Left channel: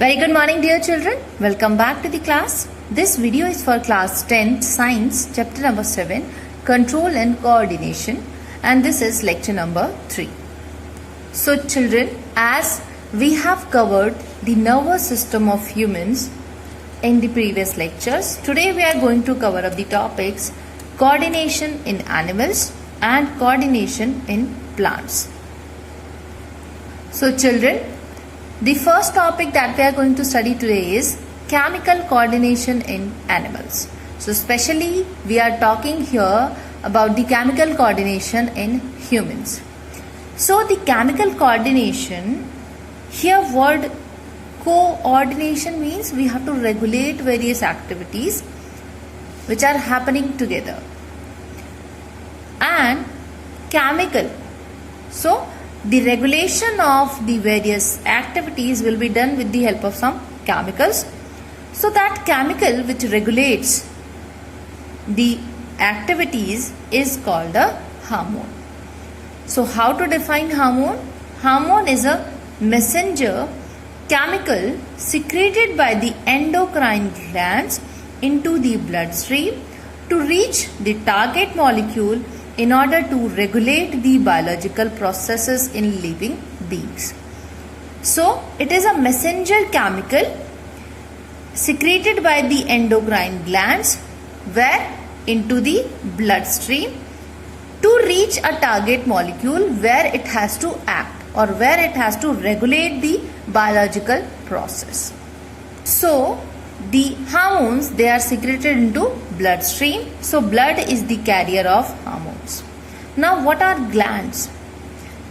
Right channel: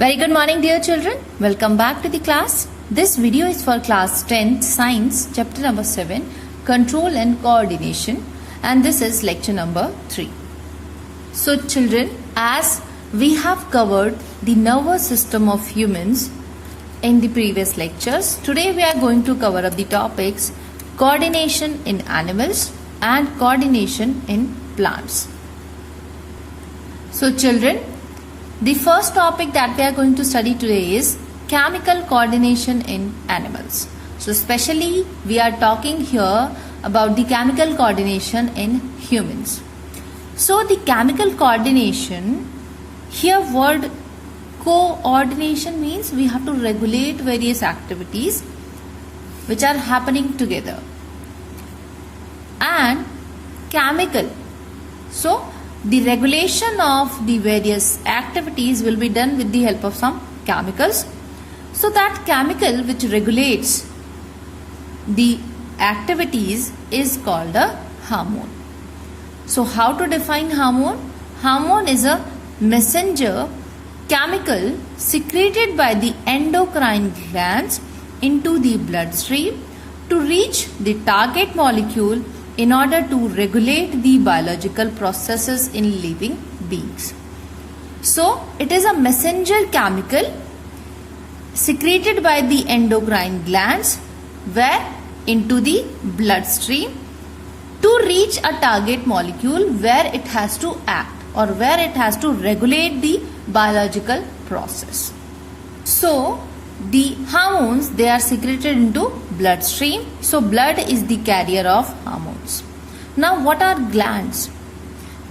Very good morning, dear children. Welcome back to the class. This video is for class 10 science chapter number 7 control and coordination, and this is lecture number 3. So children, as we have covered the nervous system of humans in the previous lectures, today we are going to cover up the topics coordination in animals and coordination in plants. So children, the first topic that we are going to study today is chemical coordination in animals. So especially we are talking here about the chemical coordination in humans. So the chemical coordination, here word coordination means we have to regulate various activities which are happening together. And chemical, so the regulation of the various activities will be done with the help of some chemicals. So that chemical which regulates the activities is called a hormone. So how to define hormone? Hormone is a messenger chemical secreted by the endocrine glands into the bloodstream to reach the target molecule in order to regulate the biological processes in living beings. So, it is a messenger chemical secreted by the endocrine glands where into the bloodstream to reach a target molecule where it has to act or where it has to regulate the biological process. So, the hormones, they are secreted into bloodstream. So blood is the carrier of hormones. Now what are glands?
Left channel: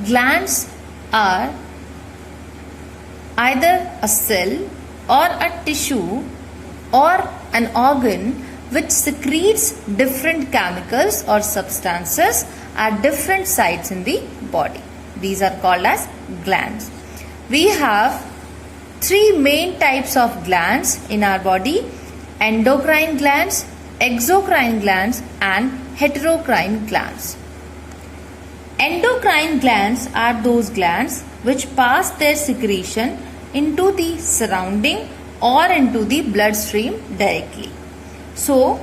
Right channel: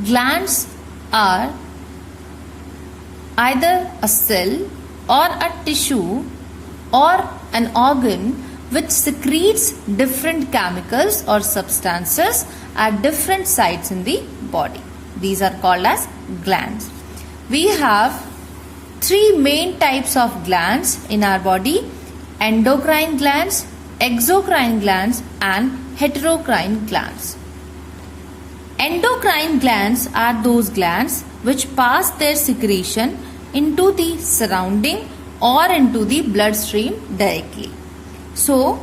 Glands are either a cell or a tissue or an organ which secretes different chemicals or substances at different sites in the body. These are called as glands. We have three main types of glands in our body: endocrine glands, exocrine glands and heterocrine glands. Endocrine glands are those glands which pass their secretion into the surrounding or into the bloodstream directly. So,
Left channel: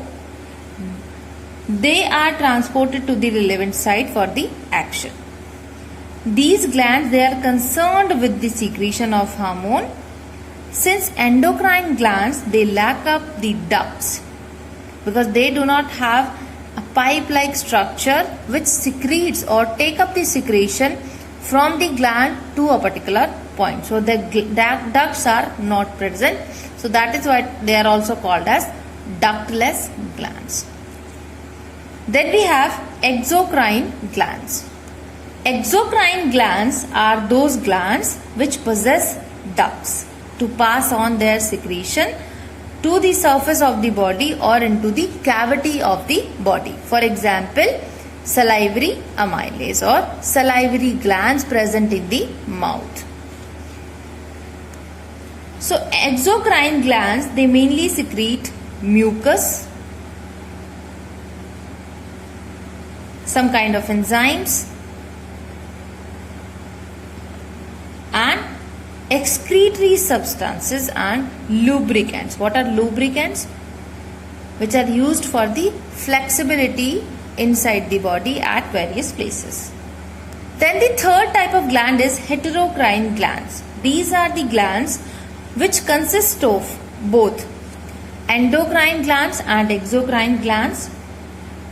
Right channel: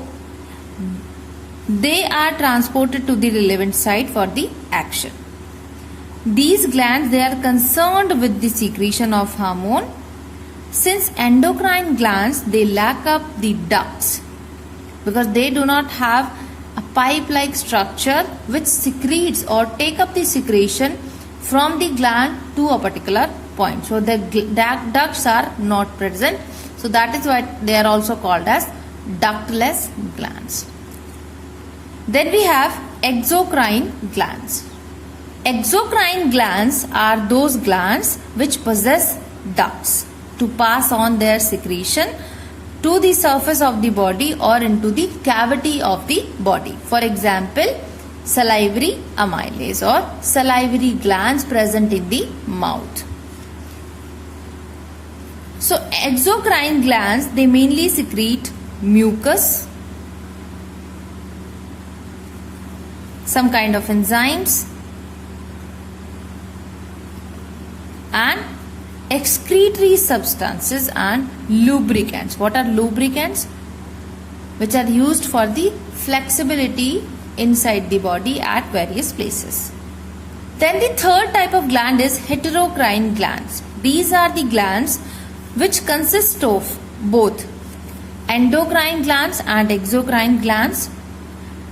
they are transported to the relevant site for the action. These glands, they are concerned with the secretion of hormone. Since endocrine glands, they lack up the ducts because they do not have a pipe-like structure which secretes or take up the secretion from the gland to a particular point. So the ducts are not present. So that is why they are also called as ductless glands. Then we have exocrine glands. Exocrine glands are those glands which possess ducts to pass on their secretion to the surface of the body or into the cavity of the body. For example, salivary amylase or salivary glands present in the mouth. So exocrine glands, they mainly secrete mucus, some kind of enzymes and excretory substances and lubricants. What are lubricants? Which are used for the flexibility inside the body at various places. Then the third type of gland is heterocrine glands. These are the glands which consist of both endocrine glands and exocrine glands.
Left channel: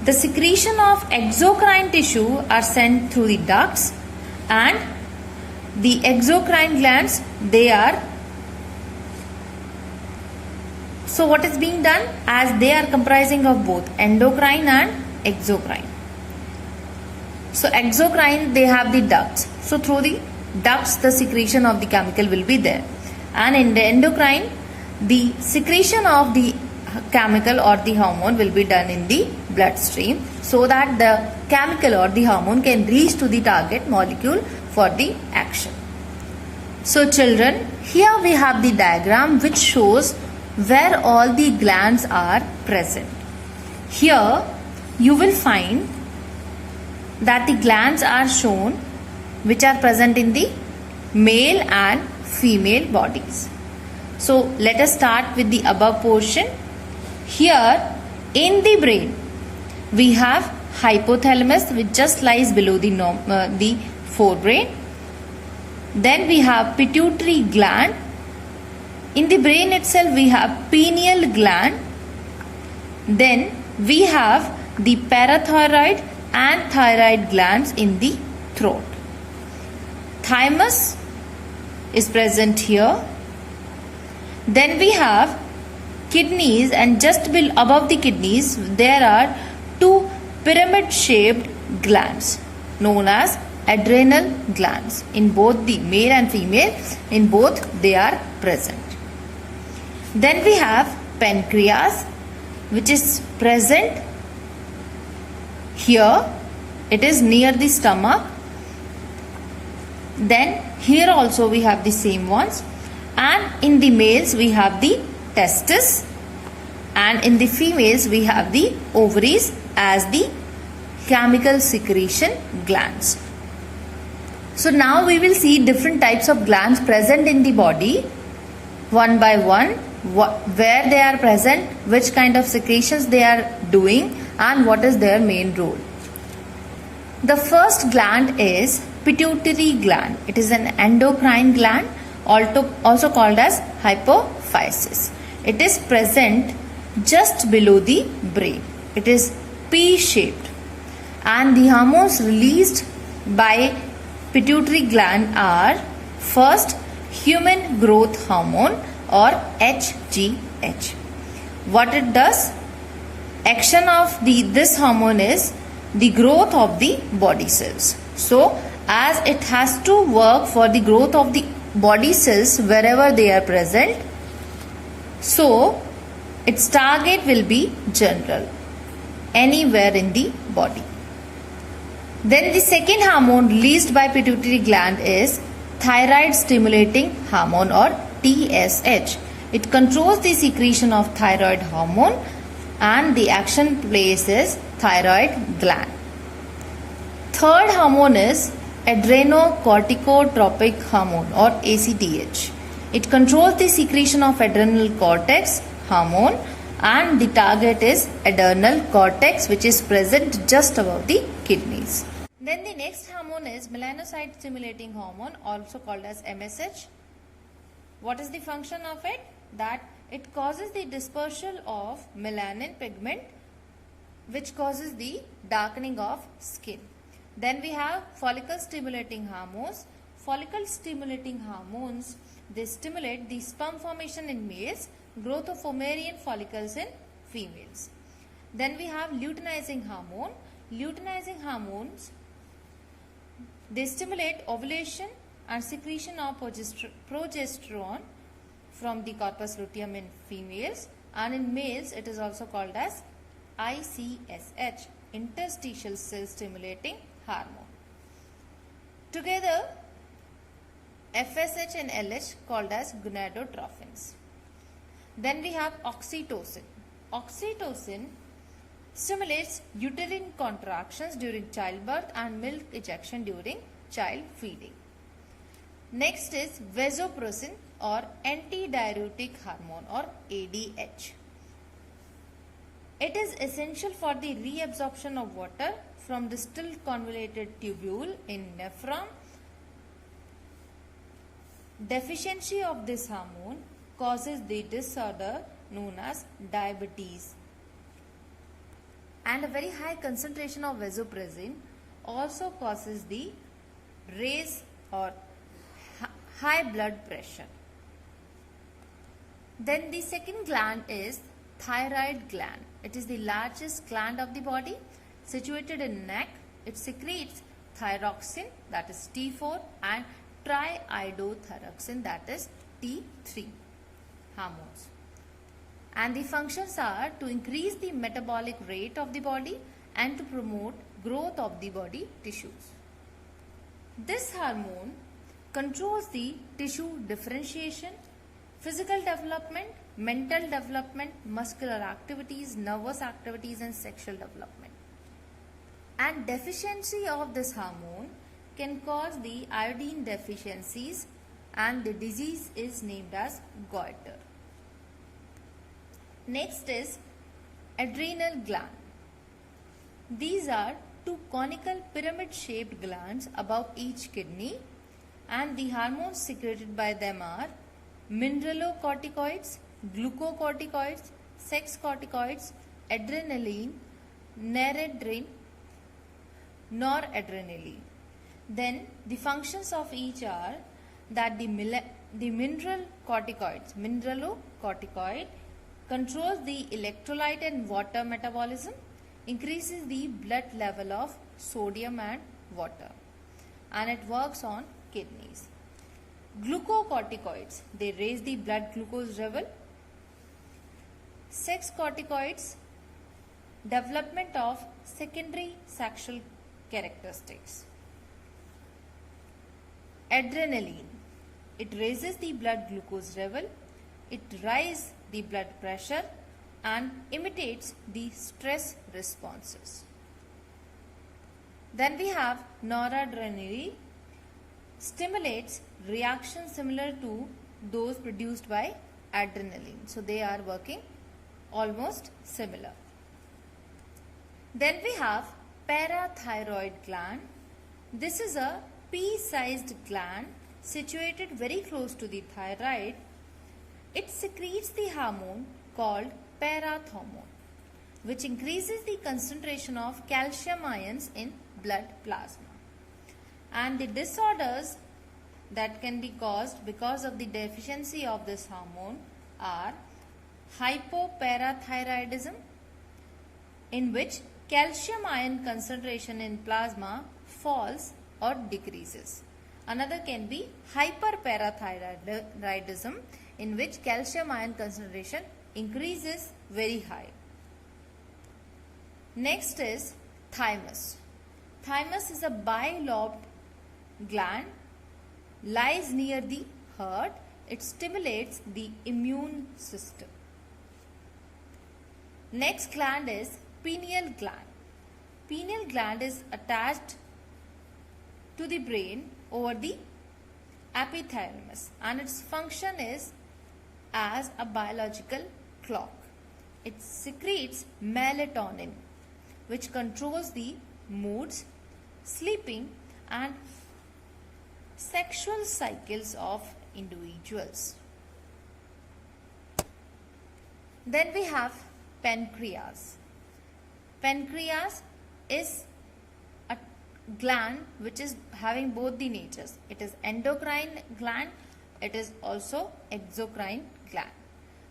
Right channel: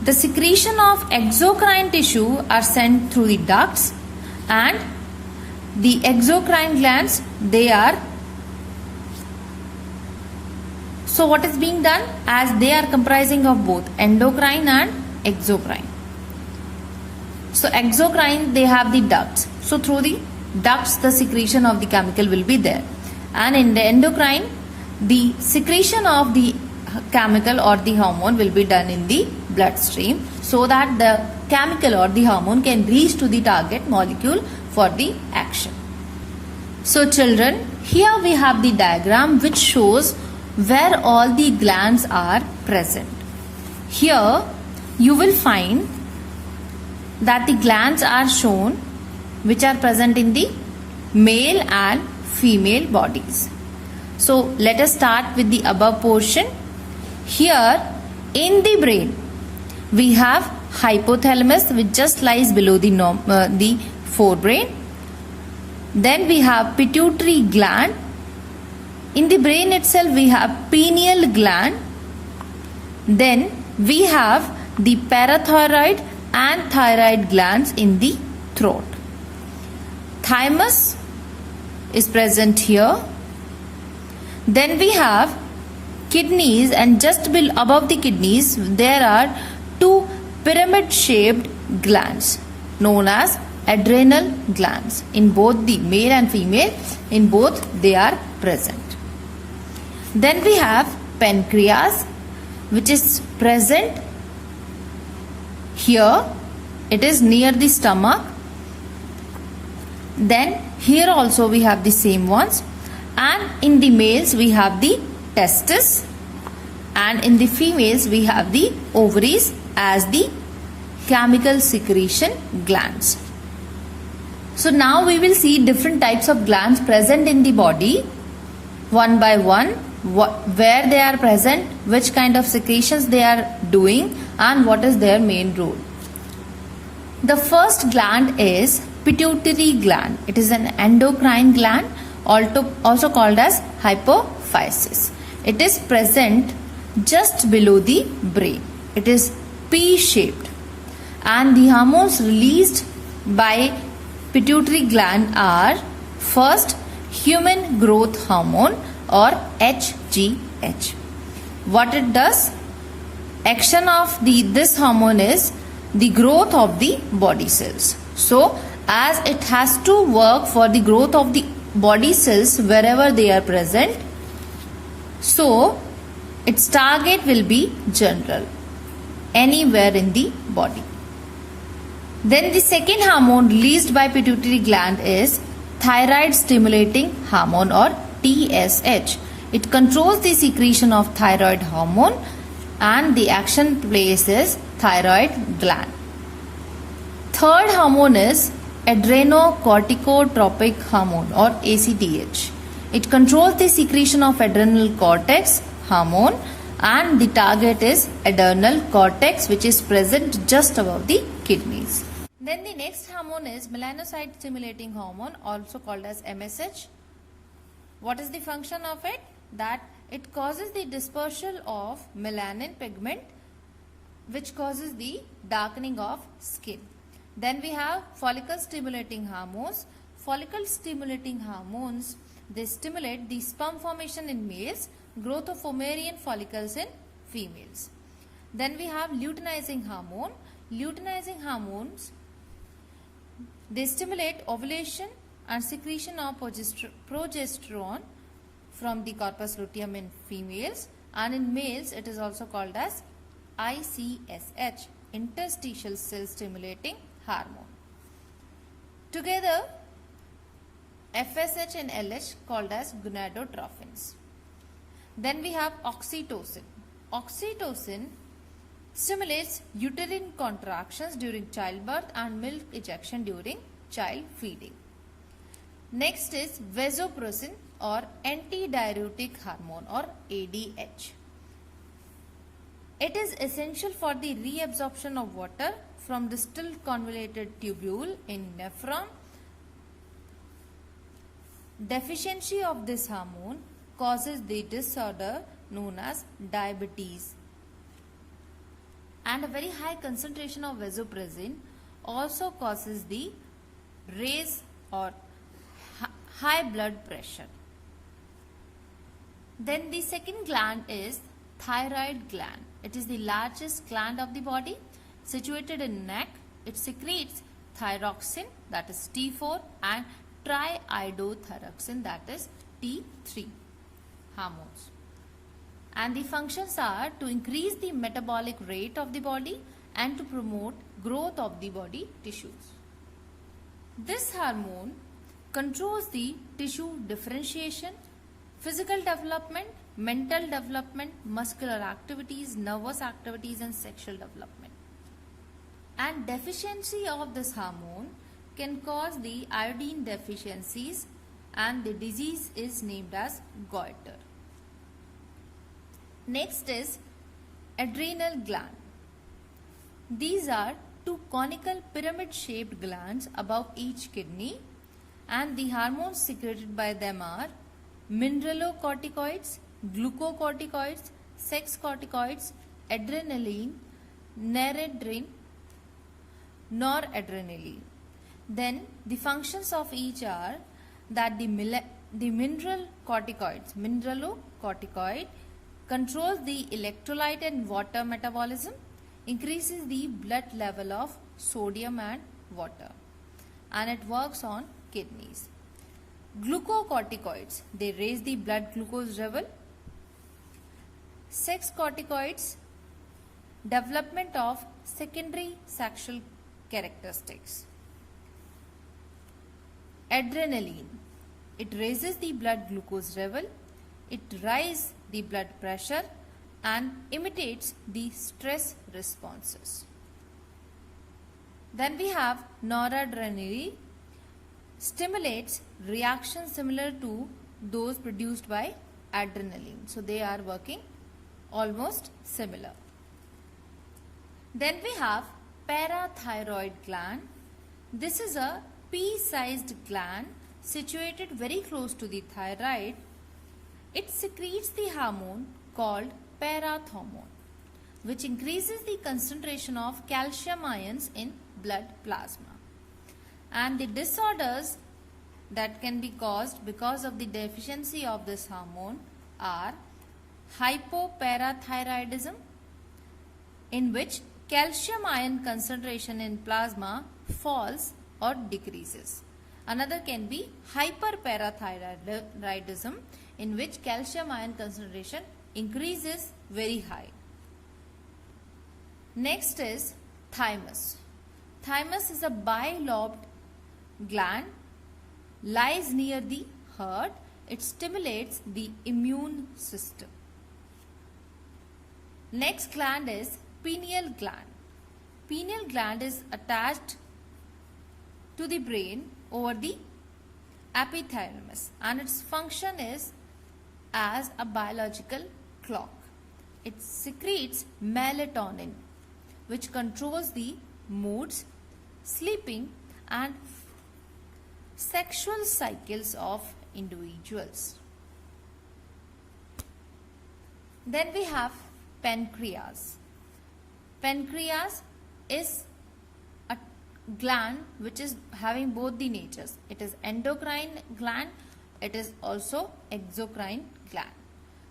The secretion of exocrine tissue are sent through the ducts, and the exocrine glands, they are, so what is being done, as they are comprising of both endocrine and exocrine. So exocrine, they have the ducts. So through the ducts, the secretion of the chemical will be there. And in the endocrine, the secretion of the chemical or the hormone will be done in the bloodstream so that the chemical or the hormone can reach to the target molecule for the action. So children, here we have the diagram which shows where all the glands are present. Here you will find that the glands are shown which are present in the male and female bodies. So let us start with the above portion. Here in the brain we have hypothalamus, which just lies below the forebrain. Then we have pituitary gland. In the brain itself we have pineal gland. Then we have the parathyroid and thyroid glands in the throat. Thymus is present here. Then we have kidneys, and just above the kidneys there are two pyramid shaped glands known as adrenal glands. In both the male and female, in both they are present. Then we have pancreas, which is present here. It is near the stomach. Then here also we have the same ones, and in the males we have the testis, and in the females we have the ovaries as the chemical secretion glands. So now we will see different types of glands present in the body one by one, where they are present, which kind of secretions they are doing, and what is their main role. The first gland is pituitary gland. It is an endocrine gland, also called as hypophysis. It is present just below the brain. It is P-shaped, and the hormones released by pituitary gland are first human growth hormone or HGH. What it does? Action of this hormone is the growth of the body cells. So as it has to work for the growth of the body cells wherever they are present, so its target will be general, anywhere in the body. Then the second hormone released by pituitary gland is thyroid stimulating hormone or TSH. It controls the secretion of thyroid hormone, and the action place is thyroid gland. Third hormone is adrenocorticotropic hormone or ACTH. It controls the secretion of adrenal cortex hormone, and the target is adrenal cortex, which is present just above the kidneys. Then the next hormone is melanocyte stimulating hormone, also called as MSH. What is the function of it? That it causes the dispersal of melanin pigment, which causes the darkening of skin. Then we have follicle stimulating hormones. Follicle stimulating hormones, they stimulate the sperm formation in males, growth of ovarian follicles in females. Then we have luteinizing hormone. Luteinizing hormones, they stimulate ovulation and secretion of progesterone from the corpus luteum in females, and in males it is also called as ICSH, interstitial cell stimulating hormone. Together FSH and LH called as gonadotrophins. Then we have oxytocin. Oxytocin stimulates uterine contractions during childbirth and milk ejection during child feeding. Next is vasopressin or antidiuretic hormone or ADH. It is essential for the reabsorption of water from the still convoluted tubule in nephron. Deficiency of this hormone causes the disorder known as diabetes. And a very high concentration of vasopressin also causes the raise or high blood pressure. Then the second gland is thyroid gland. It is the largest gland of the body, situated in neck. It secretes thyroxine, that is T4, and triiodothyroxine, that is T3 hormones. And the functions are to increase the metabolic rate of the body and to promote growth of the body tissues. This hormone controls the tissue differentiation, physical development, mental development, muscular activities, nervous activities, and sexual development. And deficiency of this hormone can cause the iodine deficiencies and the disease is named as goiter. Next is adrenal gland. These are two conical pyramid-shaped glands above each kidney, and the hormones secreted by them are mineralocorticoids, glucocorticoids, sex corticoids, adrenaline, noradrenaline. Then the functions of each are that the mineralocorticoid controls the electrolyte and water metabolism, increases the blood level of sodium and water, and it works on kidneys. Glucocorticoids, they raise the blood glucose level. Sex corticoids, development of secondary sexual characteristics. Adrenaline, it raises the blood glucose level, it raises the blood pressure and imitates the stress responses. Then we have noradrenaline, stimulates reactions similar to those produced by adrenaline. So they are working almost similar. Then we have parathyroid gland. This is a pea-sized gland situated very close to the thyroid. It secretes the hormone called parathormone, which increases the concentration of calcium ions in blood plasma. And the disorders that can be caused because of the deficiency of this hormone are hypoparathyroidism, in which calcium ion concentration in plasma falls or decreases. Another can be hyperparathyroidism, in which calcium ion concentration increases very high. Next is thymus. Thymus is a bilobed gland, lies near the heart. It stimulates the immune system. Next gland is pineal gland. Pineal gland is attached to the brain over the epithalamus, and its function is as a biological clock. It secretes melatonin, which controls the moods, sleeping and sexual cycles of individuals. Then we have pancreas. Pancreas is a gland which is having both the natures. It is endocrine gland, it is also exocrine gland.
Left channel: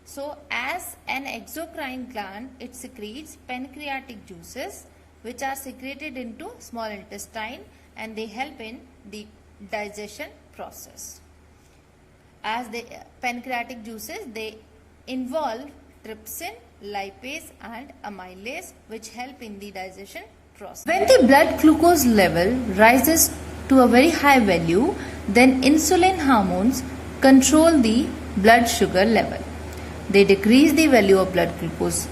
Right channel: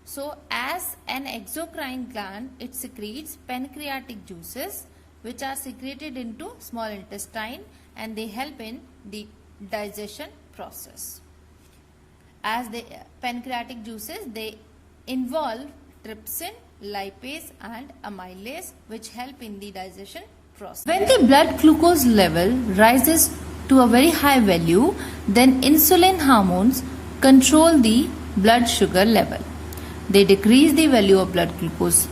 So as an exocrine gland, it secretes pancreatic juices which are secreted into small intestine, and they help in the digestion process. As the pancreatic juices, they involve trypsin, lipase and amylase, which help in the digestion process. When the blood glucose level rises to a very high value, then insulin hormones control the blood sugar level. They decrease the value of blood glucose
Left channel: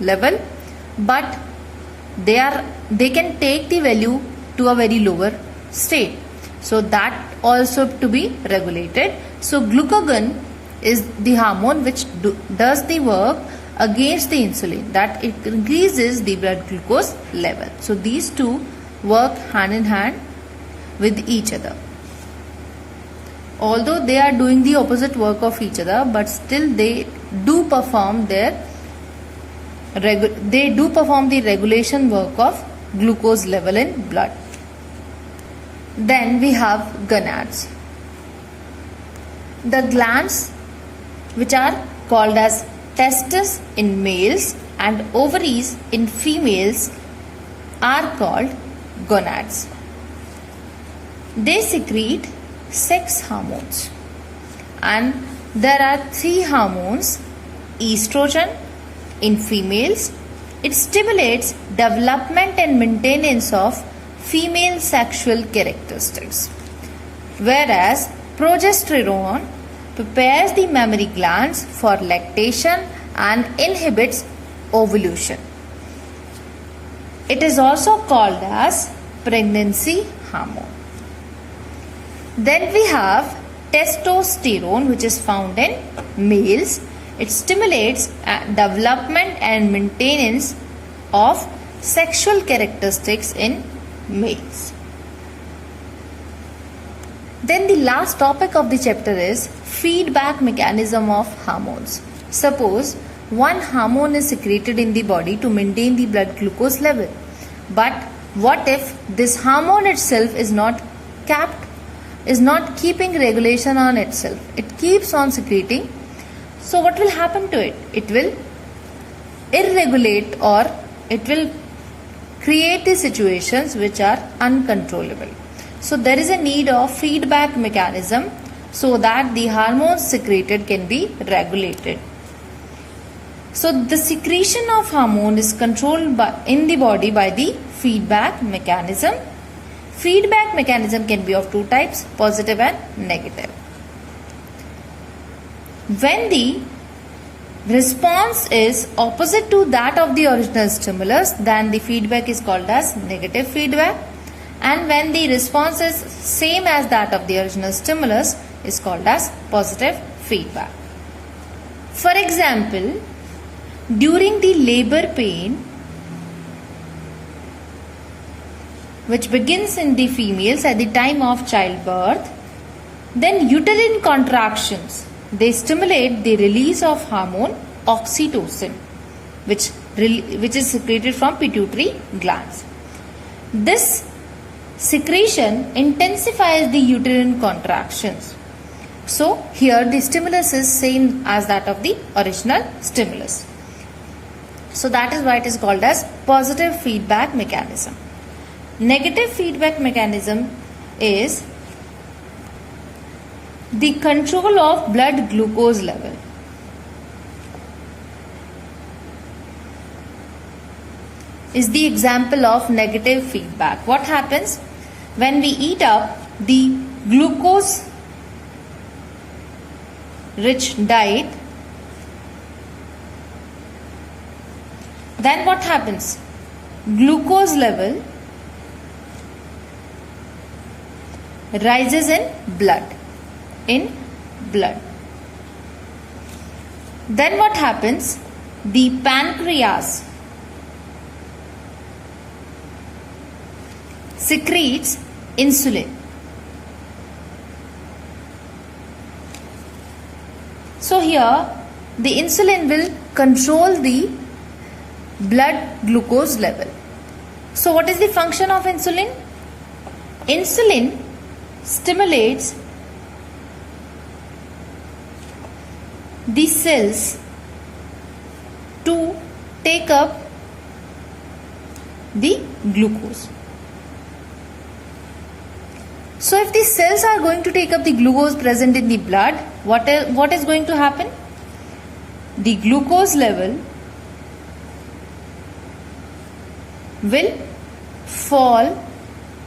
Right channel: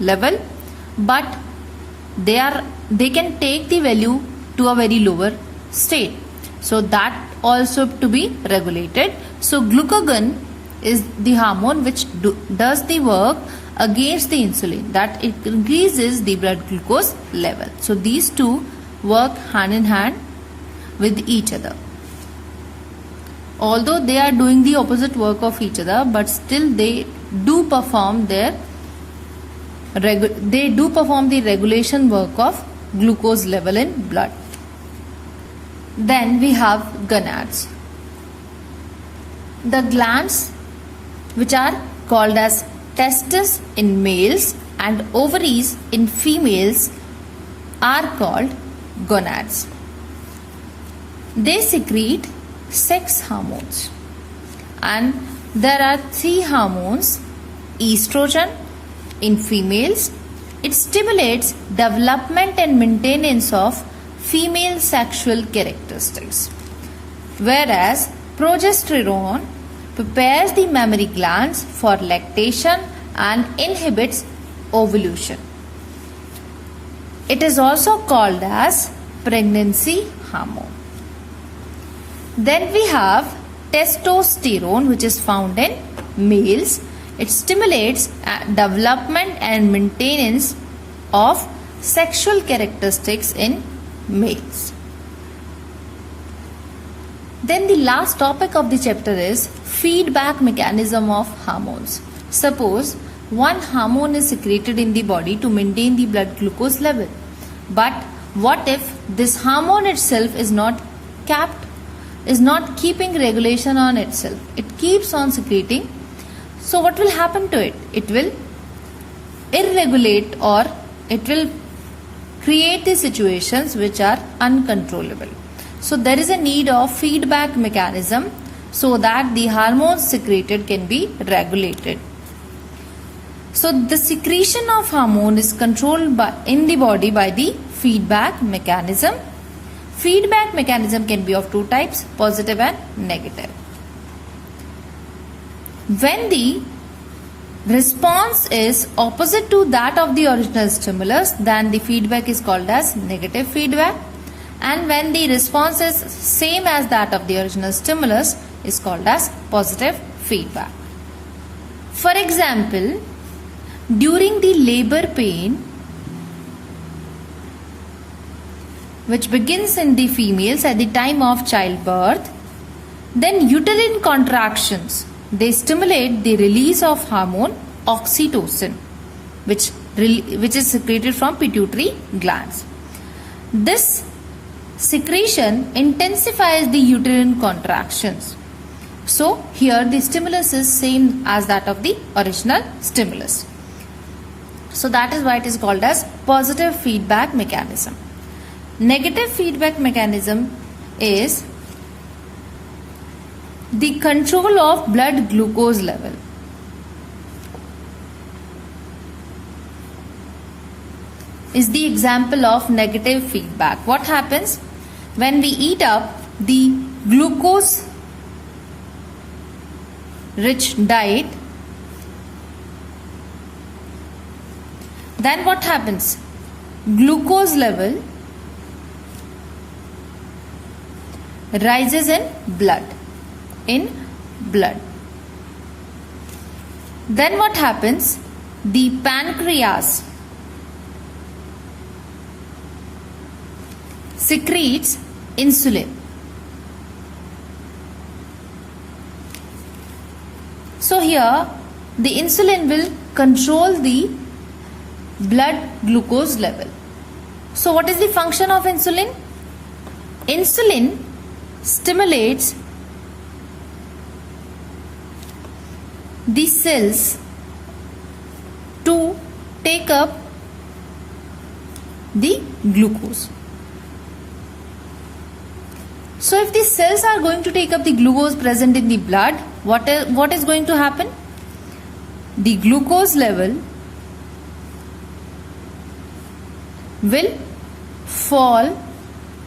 level, but they can take the value to a very lower state. So that also to be regulated. So glucagon is the hormone which does the work against the insulin, that it increases the blood glucose level. So these two work hand in hand with each other. Although they are doing the opposite work of each other, but still they do perform the regulation work of glucose level in blood. Then we have gonads. The glands which are called as testes in males and ovaries in females are called gonads. They secrete sex hormones, and there are 3 hormones. Estrogen in females, it stimulates development and maintenance of female sexual characteristics, whereas progesterone prepares the mammary glands for lactation and inhibits ovulation. It is also called as pregnancy hormone. Then we have testosterone, which is found in males. It stimulates development and maintenance of sexual characteristics in males. Then the last topic of the chapter is feedback mechanism of hormones. Suppose one hormone is secreted in the body to maintain the blood glucose level. But what if this hormone itself is not keeping regulation on itself? It keeps on secreting. So what will happen to it? It will irregulate, or it will create the situations which are uncontrollable. So there is a need of feedback mechanism so that the hormones secreted can be regulated. So the secretion of hormone is controlled in the body by the feedback mechanism. Feedback mechanism can be of two types, positive and negative. When the response is opposite to that of the original stimulus, then the feedback is called as negative feedback. And when the response is same as that of the original stimulus, is called as positive feedback. For example, during the labor pain, which begins in the females at the time of childbirth, then uterine contractions, they stimulate the release of hormone oxytocin, which is secreted from pituitary glands. This secretion intensifies the uterine contractions. So here the stimulus is same as that of the original stimulus. So that is why it is called as positive feedback mechanism. Negative feedback mechanism is the control of blood glucose level. Is the example of negative feedback. What happens when we eat up the glucose rich diet? Then what happens? Glucose level rises in blood. Then what happens? The pancreas secretes insulin. So here the insulin will control the blood glucose level. So what is the function of insulin? Insulin stimulates the cells to take up the glucose. So if the cells are going to take up the glucose present in the blood, what is going to happen? The glucose level will fall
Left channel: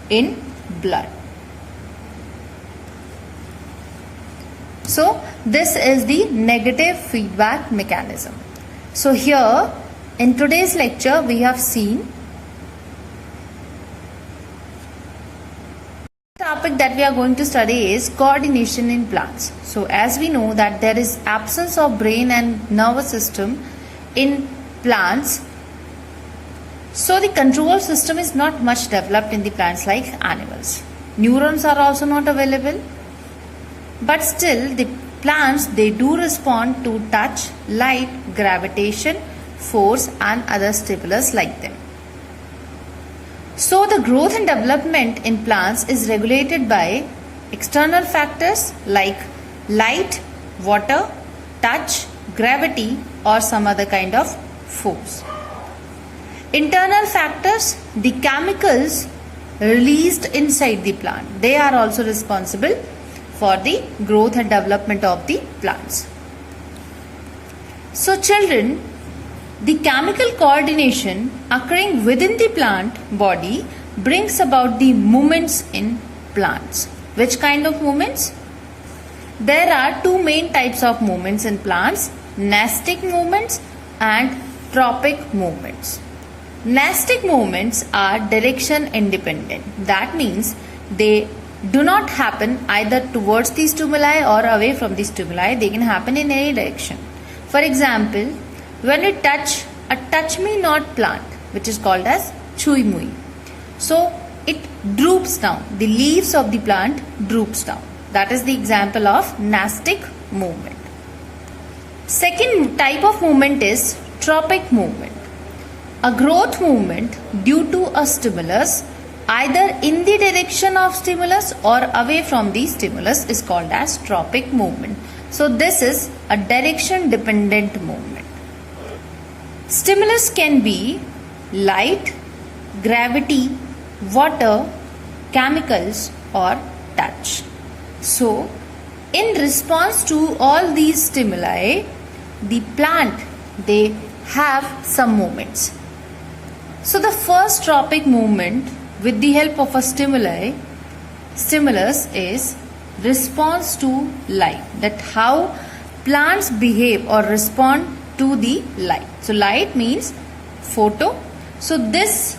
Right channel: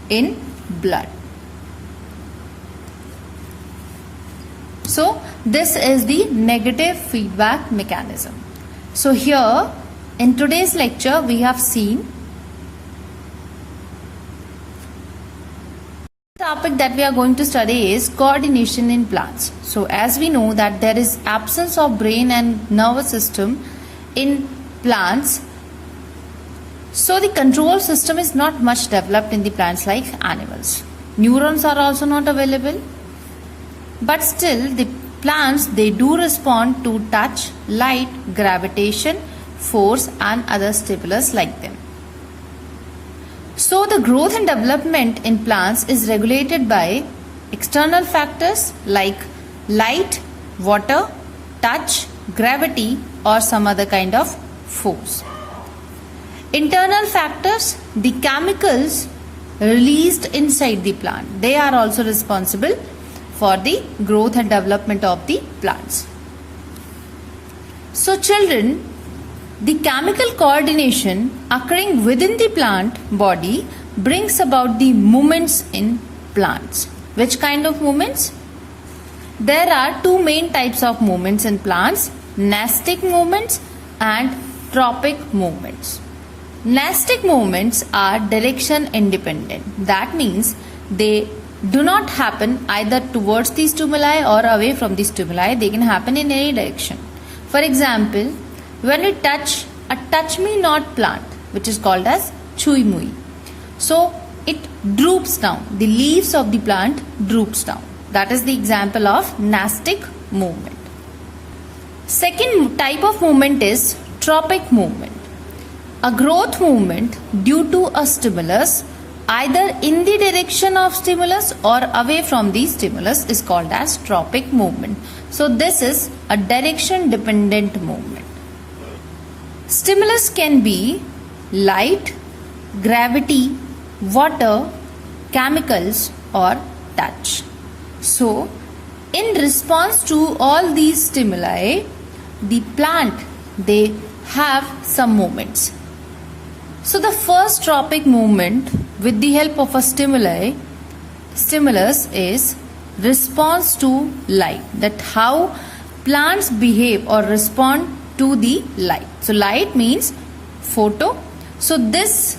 in blood. So this is the negative feedback mechanism. So here in today's lecture we have seen the topic that we are going to study is coordination in plants. So as we know that there is absence of brain and nervous system in plants, so the control system is not much developed in the plants like animals. Neurons are also not available. But still the plants, they do respond to touch, light, gravitation, force and other stimulus like them. So the growth and development in plants is regulated by external factors like light, water, touch, gravity or some other kind of force. Internal factors, the chemicals released inside the plant, they are also responsible for the growth and development of the plants. So children, the chemical coordination occurring within the plant body brings about the movements in plants. Which kind of movements? There are two main types of movements in plants, nastic movements and tropic movements. Nastic movements are direction independent. That means they do not happen either towards the stimuli or away from the stimuli. They can happen in any direction. For example, when we touch a touch me not plant, which is called as chui mui. So it droops down. The leaves of the plant droops down. That is the example of nastic movement. Second type of movement is tropic movement. A growth movement due to a stimulus either in the direction of stimulus or away from the stimulus is called as tropic movement. So this is a direction dependent movement. Stimulus can be light, gravity, water, chemicals or touch. So in response to all these stimuli, the plant, they have some movements. So the first tropic movement with the help of a stimulus is response to light. That how plants behave or respond to the light. So light means photo. So this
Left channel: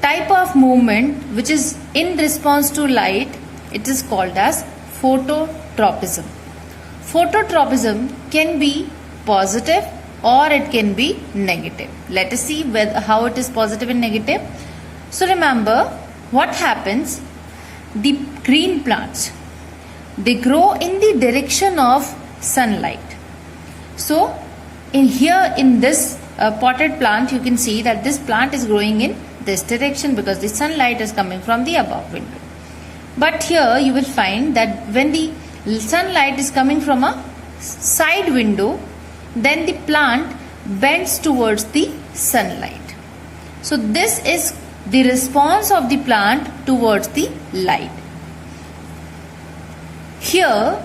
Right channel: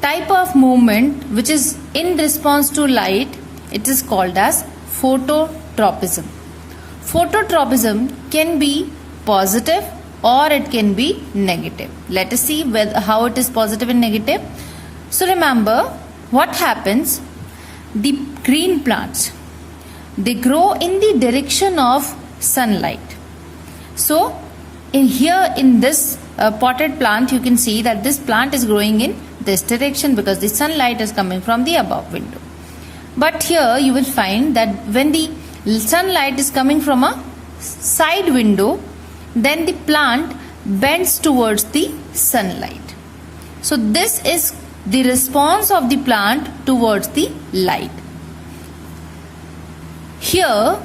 type of movement which is in response to light, it is called as phototropism. Phototropism can be positive or it can be negative. Let us see how it is positive and negative. So remember what happens, the green plants, they grow in the direction of sunlight. So in this potted plant, you can see that this plant is growing in this direction because the sunlight is coming from the above window. But here you will find that when the sunlight is coming from a side window, then the plant bends towards the sunlight. So this is the response of the plant towards the light. Here,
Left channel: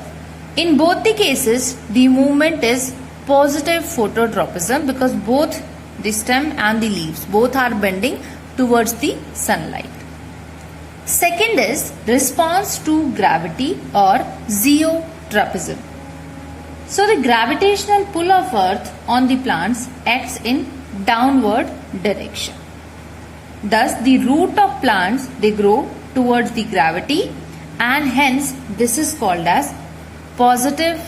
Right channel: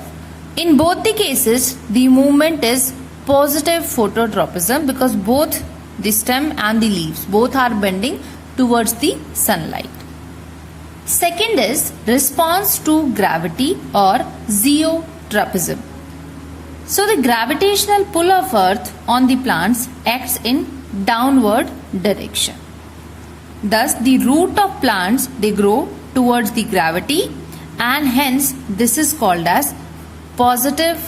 in both the cases, the movement is positive phototropism because both the stem and the leaves, both are bending towards the sunlight. Second is response to gravity or zeotropism. So the gravitational pull of earth on the plants acts in downward direction. Thus the root of plants, they grow towards the gravity and hence this is called as positive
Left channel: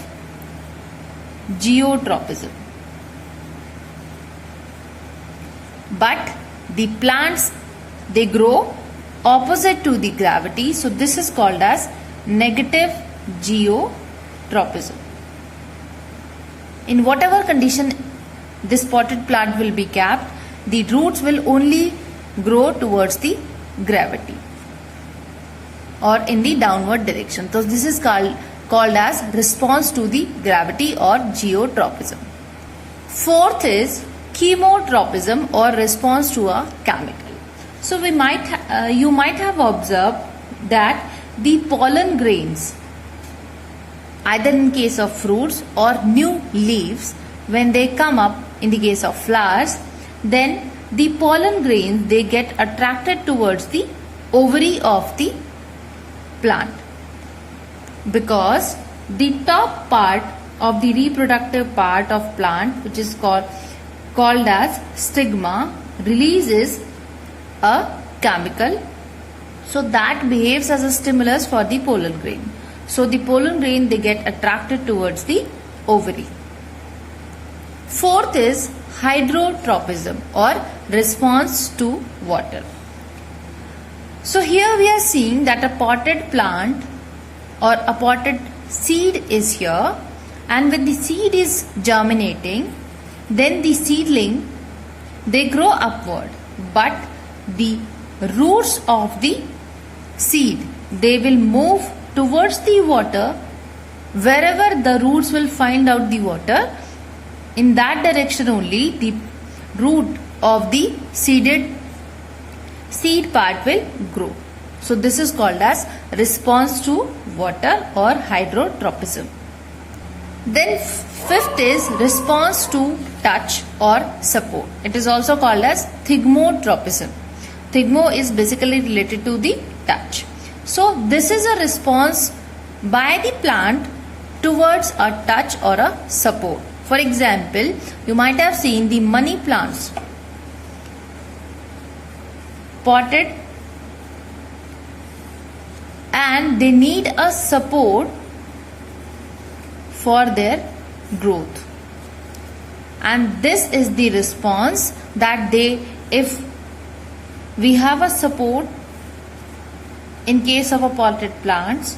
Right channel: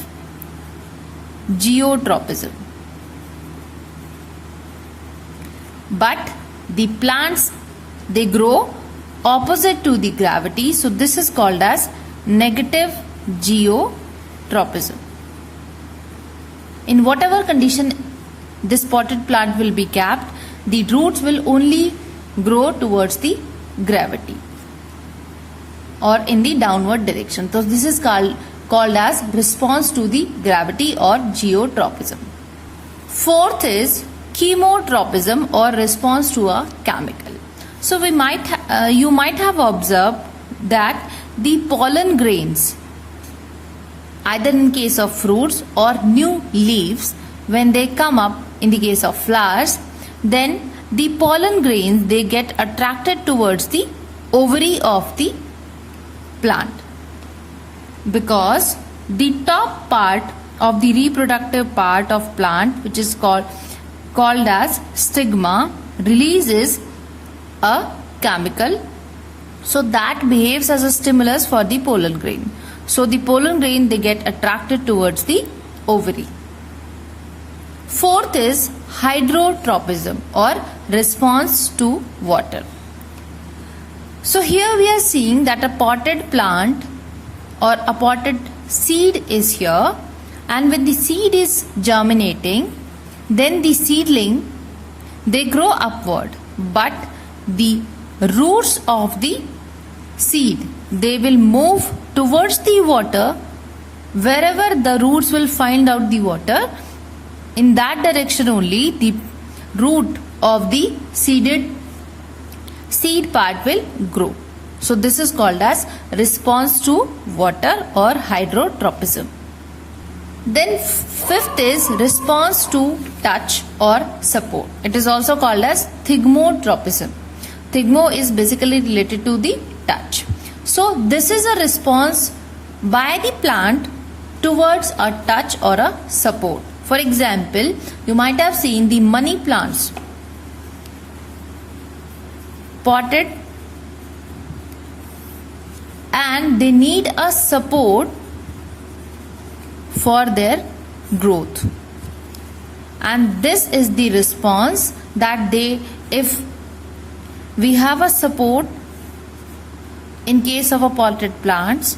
geotropism. But the plants, they grow opposite to the gravity, so this is called as negative geotropism. In whatever condition this potted plant will be kept, the roots will only grow towards the gravity or in the downward direction. So this is called as response to the gravity or geotropism. Fourth is chemotropism or response to a chemical. So you might have observed that the pollen grains, either in case of fruits or new leaves, when they come up in the case of flowers, then the pollen grains, they get attracted towards the ovary of the plant because the top part of the reproductive part of plant, which is called as stigma, releases a chemical, so that behaves as a stimulus for the pollen grain. So the pollen grain, they get attracted towards the ovary. Fourth is hydrotropism or response to water. So here we are seeing that a potted plant or a potted seed is here, and when the seed is germinating, then the seedling, they grow upward, but the roots of the seed, they will move towards the water. Wherever the roots will find out the water, in that direction only the root of the seed part will grow. So this is called as response to water or hydrotropism. Then fifth is response to touch or support. It is also called as thigmotropism. Thigmo is basically related to the touch. So this is a response by the plant towards a touch or a support. For example, you might have seen the money plants, potted and they need a support for their growth. And this is the response that if we have a support in case of a potted plants,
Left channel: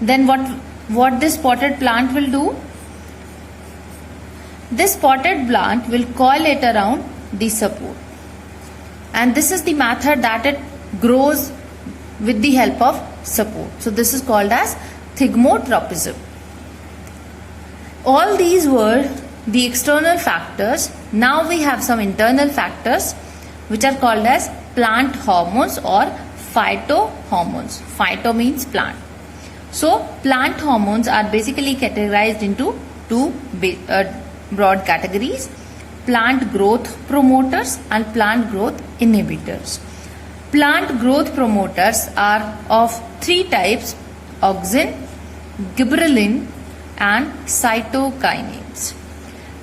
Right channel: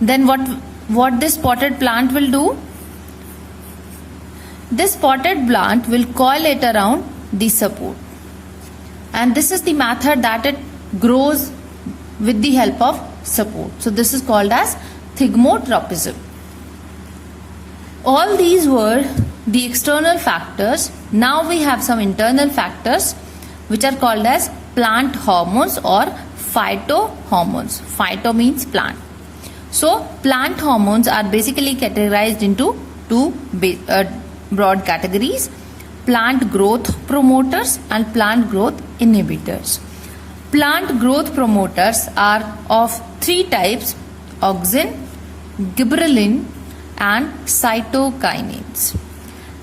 then what this potted plant will do? This potted plant will coil it around the support, and this is the method that it grows with the help of support. So this is called as thigmotropism. All these were the external factors. Now we have some internal factors which are called as plant hormones or phytohormones. Phyto means plant. So plant hormones are basically categorized into two broad categories: plant growth promoters and plant growth inhibitors. Plant growth promoters are of three types: auxin, gibberellin and cytokinins.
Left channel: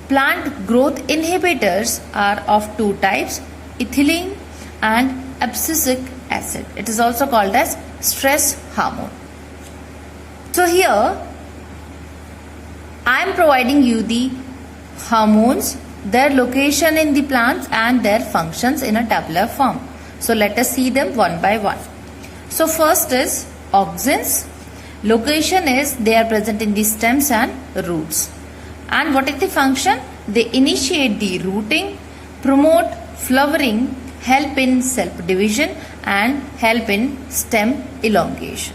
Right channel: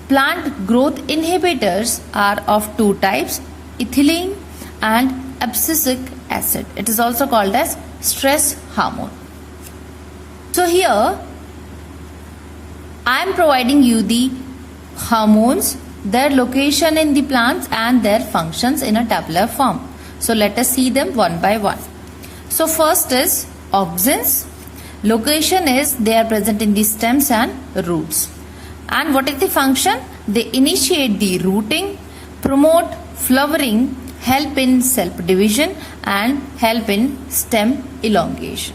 Plant growth inhibitors are of two types: ethylene and abscisic acid. It is also called as stress hormone. So here I am providing you the hormones, their location in the plants and their functions in a tabular form. So let us see them one by one. So first is auxins. Location is they are present in the stems and roots. And what is the function? They initiate the rooting, promote flowering, help in self-division and help in stem elongation.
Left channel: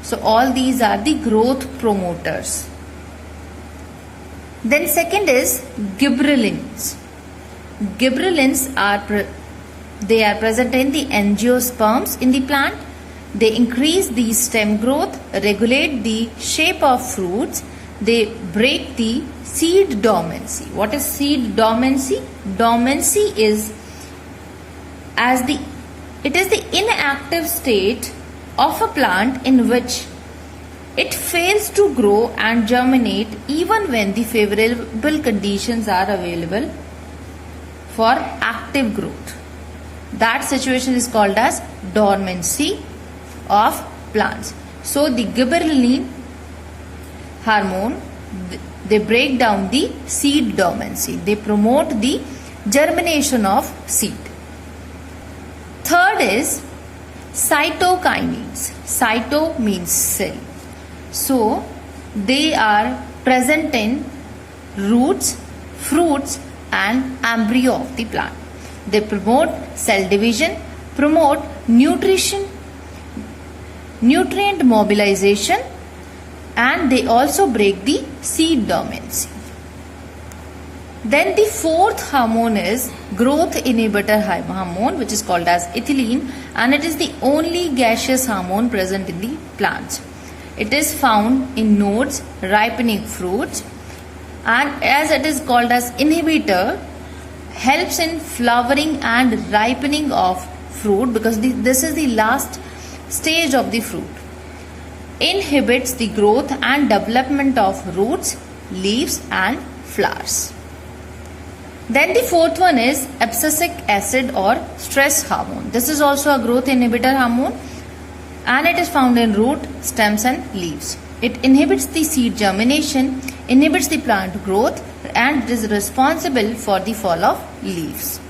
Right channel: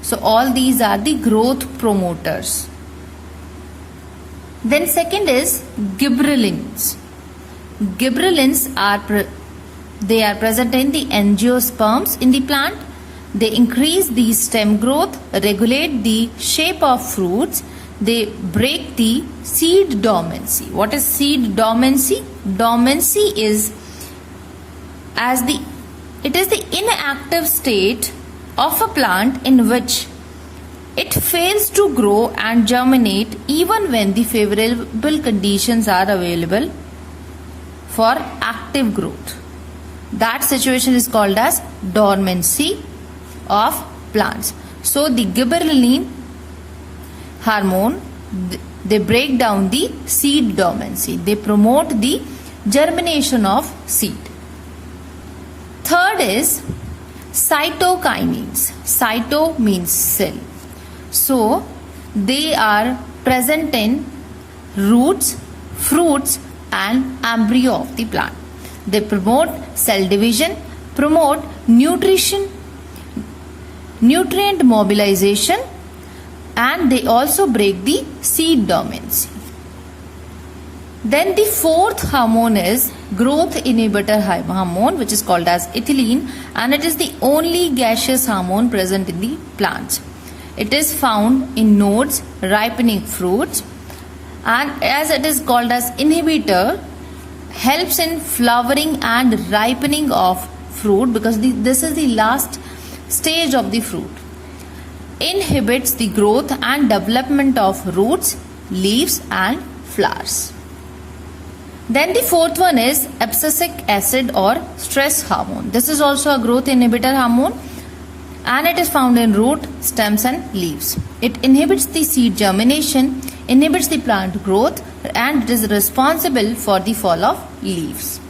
So all these are the growth promoters. Then second is gibberellins. Gibberellins are present in the angiosperms in the plant. They increase the stem growth, regulate the shape of fruits. They break the seed dormancy. What is seed dormancy? Dormancy is the inactive state of a plant in which it fails to grow and germinate even when the favorable conditions are available for active growth. That situation is called as dormancy of plants. So the gibberellin hormone, they break down the seed dormancy. They promote the germination of seed. Third is cytokinins. Cyto means cell. So they are present in roots, fruits and embryo of the plant. They promote cell division, promote nutrition, nutrient mobilization, and they also break the seed dormancy. Then the fourth hormone is growth inhibitor hormone, which is called as ethylene, and it is the only gaseous hormone present in the plants. It is found in nodes ripening fruits, and as it is called as inhibitor, helps in flowering and ripening of fruit, because this is the last stage of the fruit. Inhibits the growth and development of roots, leaves and flowers. Then the fourth one is abscisic acid or stress hormone. This is also a growth inhibitor hormone, and it is found in root, stems and leaves. It inhibits the seed germination, inhibits the plant growth, and it is responsible for the fall of leaves.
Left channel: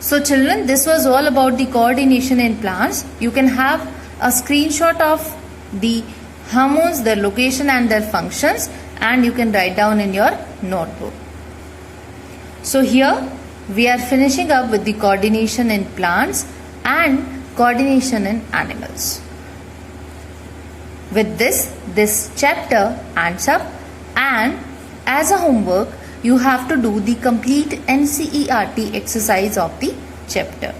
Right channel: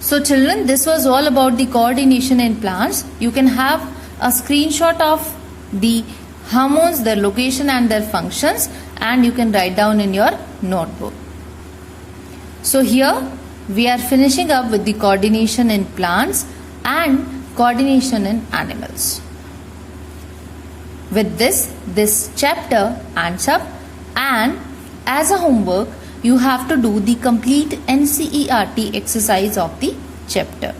So children, this was all about the coordination in plants. You can have a screenshot of the hormones, their location and their functions, and you can write down in your notebook. So here we are finishing up with the coordination in plants and coordination in animals. With this chapter ends up, and as a homework you have to do the complete NCERT exercise of the chapter.